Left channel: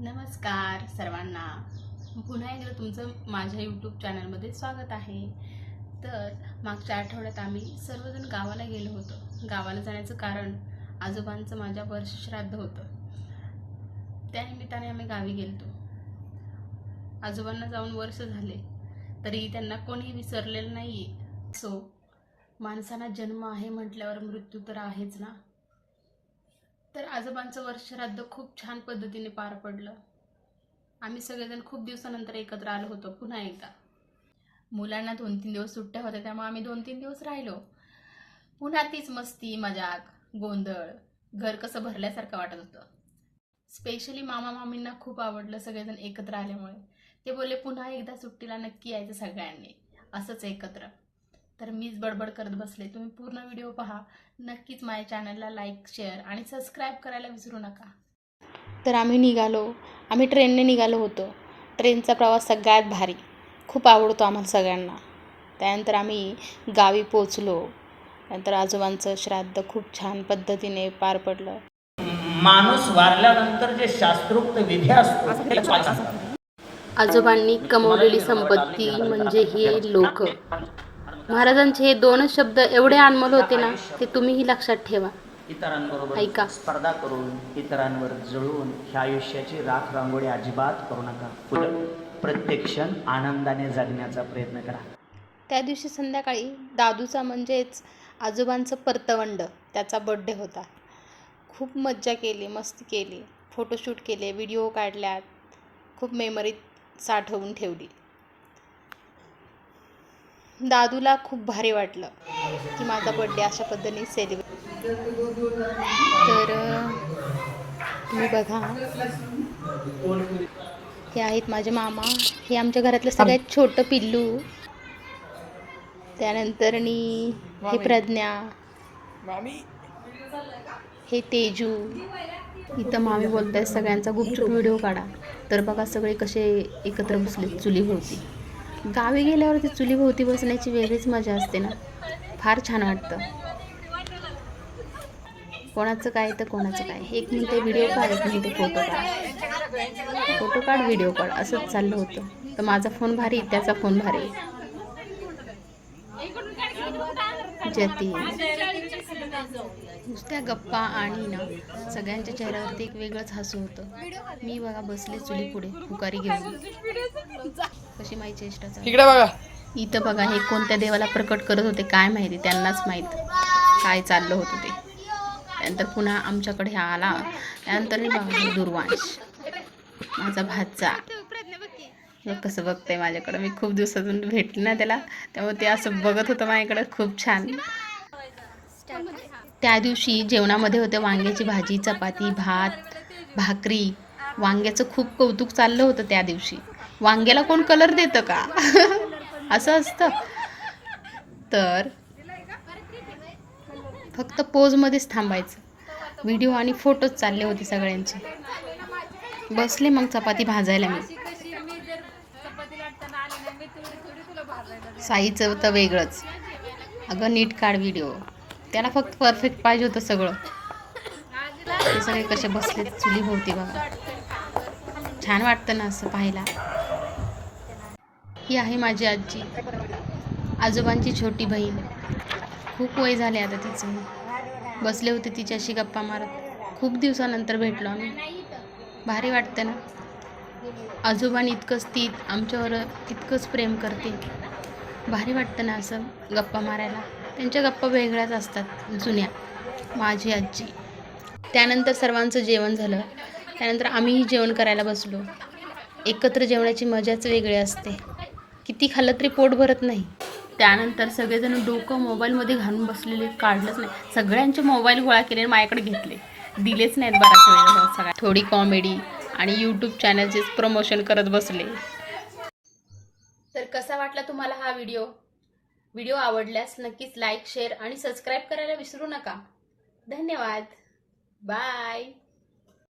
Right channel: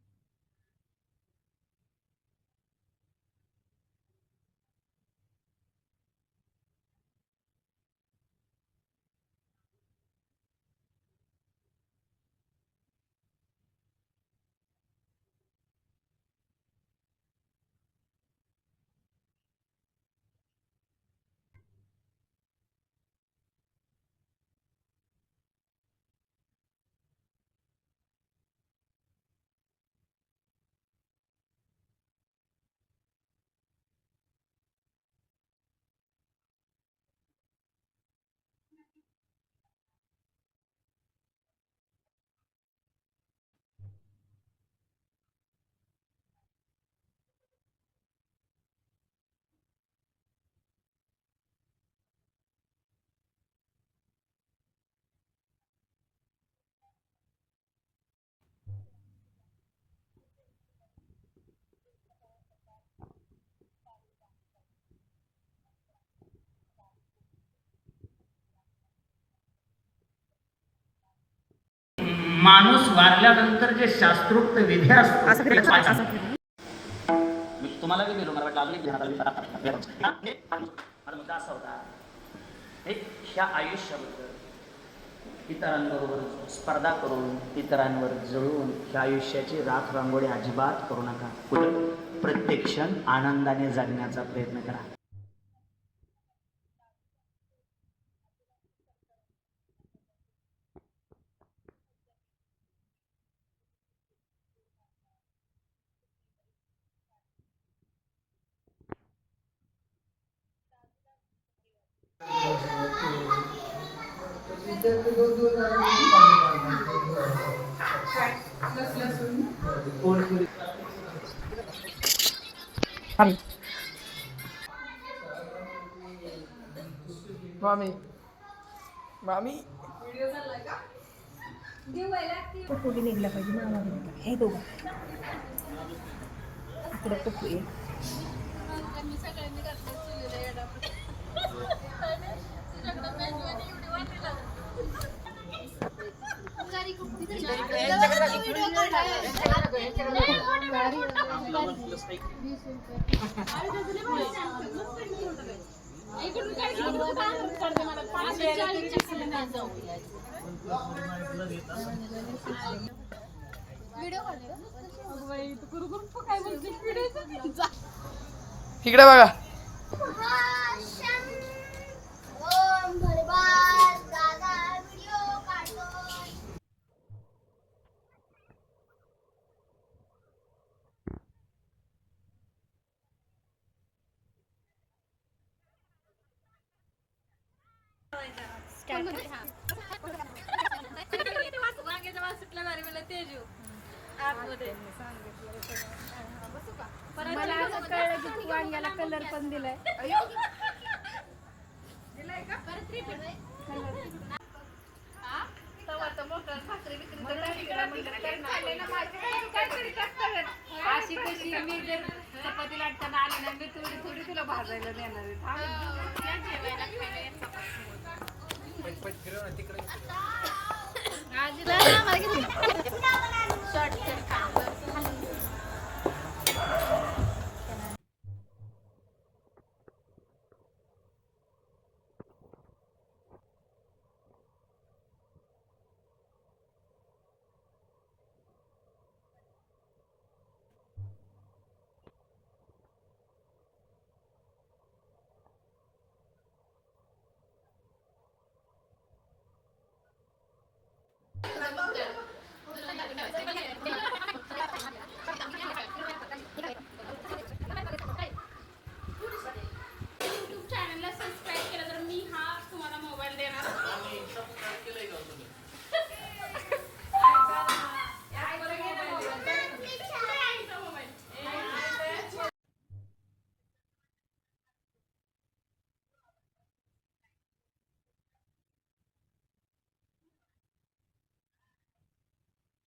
नमस्कार सर्वांना. पुन्हा एकदा तुमचं माझ्या यूट्यूब चॅनलमध्ये स्वागत आहे. तर मागच्या आठवड्यात आम्ही सर्वजण गावाला गेलो होतो. गावाला जाण्याचं कारण आजोबांचं माझ्या वर्षश्राद्ध होतं. त्यानिमित्ताने आम्ही गावी गेलतो. आजोबांना जाऊन वर्ष झाले तरी त्यांना कोणीही विसरलेलं नाही आहे सो माणसाला जन्म आहे म्हटल्यावर मृत्यू तर आहेच ना? तर आजोबांचं वर्षश्राद्ध खूप छान पद्धतीने पार पडलं. आम्ही सगळेजण खूप दिवसानंतर एकत्र आलो होतो पुन्हा एकदा. मुलांना दोन तीन दिवस सुट्ट्या होत्या त्यामुळे आम्ही दोन तीन दिवस राहिलो. पुन्हा तीच मस्ती मजाक गोंधळ घर कसं भरल्यासारखं वाटत होतं. स्पेशली मामा मामींना खूप आवडलं सगळेजण एकत्र आल्यामुळे. ते बोलले पुन्हा एकदा सुट्टीला नक्की यायचं सगळ्यांनी. असंच एकत्र. तर मीच बडबड करत बसले. तुम्ही पूर्ण व्हिडिओ पहा. नक्कीच माझ्या चॅनलला लाईक शेअर आणि सबस्क्राईब करायला विसरू नका. तर आम्ही निघालो. आम्ही ट्रेनने निघालो होतो. ट्रेनचा प्रवास सगळ्यात भारी. खूप आवडतो आम्हाला सगळ्यांना. त्यानंतर आम्ही गावी पोचलो त्यानंतर आजोबांचं श्राद्ध खूप छान पद्धतीने पार पडलं. माणूस वारल्यानंतर जे शास्त्रोक्त विधी असतात. आजोबांनी कमवलेली संपत्ती म्हणजे हे लोक. महाराजांचे हे दोनच शब्द एवढे अनमोल होते ना ते तुम्हीही लक्षात ठेवा. इतरांबरोबर ऐका. स्पर्धा करून इतरांवर जळून ह्या आयुष्याची राख रांगोळी अजिबात करू नका. उलट प्रत्येक क्षण आनंदाने जगण्याचा प्रयत्न करा. त्या दिवशी संध्याकाळी दादूचा म्हणजेच आजोबांचं परतवंड त्याचा बड्डे होता. खूप मज्जा केली मस्ती केली. फोटोशूट केले व्हिडिओ काढल्यात. खूप मेमरी साठवून ठेवली. दादूला खूप भारी वाटलं की माझा बड्डे अशा पद्धतीने सेलिब्रेट तर बघा. हे आहेत माझे मामा. हे आमच्या घरातलं सगळ्यात छोटं पिल्लू. त्यानंतर हे प्रज्ञा. हे तेजू. इथं मामी बोलताय सगळ्यांचा गुपचूप व्हिडिओ काढा. तर बघा सगळे कसे एकत्र बसले चुलीभोवती गावी गेल्यावर ते चुलीभोवती बसण्याची वेगळीच मजा असते ना. फार छान वाटतं. कोणाचं काय तर कोणाचं काय. एक मिनिट व्हिडिओ काढत फोटो फोटो काढ व्हिडिओ काढ. असंच चाललं होतं. तर माझा फोन भारी त्याचा फोन भारी. जती नुसत्या गप्पा आणि ना सगळ्यांच्या चेहऱ्यावरती एक वेगळंच हसू होतं. मी बघा बसले चुली पुढे पुकारी घेऊन. कशी माहिती? चेष्टा चालू. इकडे बघा. इथं बघा हे कोणत्या देवाला प्रकट करत होते काय माहिती त्यांनाच माहीत. काय चाललं होतं ते. त्यानंतर पुन्हा आमच्याकडे हा आला. त्यानंतर बघा दुर्वांश. माझा भाचा. कसं बघतंय माझ्याकडं? मी खूप दिवसातून भेटली ना त्याला. त्यामुळे ते असं बघत होतं माझ्याकडं. खूप छान. त्या दिवशी जेवणामध्ये होते वांग्याची भाजी चपाती भात भाकरी. वांग्याचं खूप कौतुक चाललं होतं त्या दिवशी. वांग्याला कोण कलर देतं का? असं असतं. तर फक्त पोजमध्येच थांबायचं. व्हिडिओ आणि फोटोज चालले होते सगळ्यांचे. बसले मग चपाती भाजायला मी. साईचं तर वेगळंच. अगं नीट काढ व्हिडिओ त्याला फक्त परफेक्ट पाहिजे होतं सगळं. कसे बसले चुली होती बघा. छान वाटतं ना असं पाहायला. ही आहे माझी आजी. आजोबांची छोटी बहीण. खूप वय झाले आता तिचं. बसले होते तिच्याशी गप्पा मारत. खूप दिवसानंतर भेटलो आम्ही. भारी वाटतं ना? आजोबांनी इतकंच ती आमच्यावर इतकंच प्रेम करते भारी वाटतं ना असं गप्पा मारायला. त्यांच्या गप्पा वेगळ्याच असतात जुन्या. माझी आजी. त्यानंतर सर्वांचं जेवण झालं. त्यानंतर आम्हीही जेवण करायला बसलो. एकत्र जेवणाची मजाच वेगळी असते. किती खाल्लं तरी पोट भरत नाही. त्यानंतर सगळेजण डोकं मोबाईलमध्ये घालून बसलेले काढलंच नाही. सगळ्यांचे मोबाईल गोळा केले माझ्याकडे घेतले. दिलेच नाहीत बराच वेळ. सगळ्या थोडी कॉमेडी आणि यूट्यूब चॅनलचेच प्रमोशन करत बसले. तर कसा वाटला तुम्हाला हा व्हिडिओ व्हिडिओ आवडल्यास नक्कीच लाईक शेअर आणि सबस्क्राईब करायला विसरू नका. धन्यवाद. बाय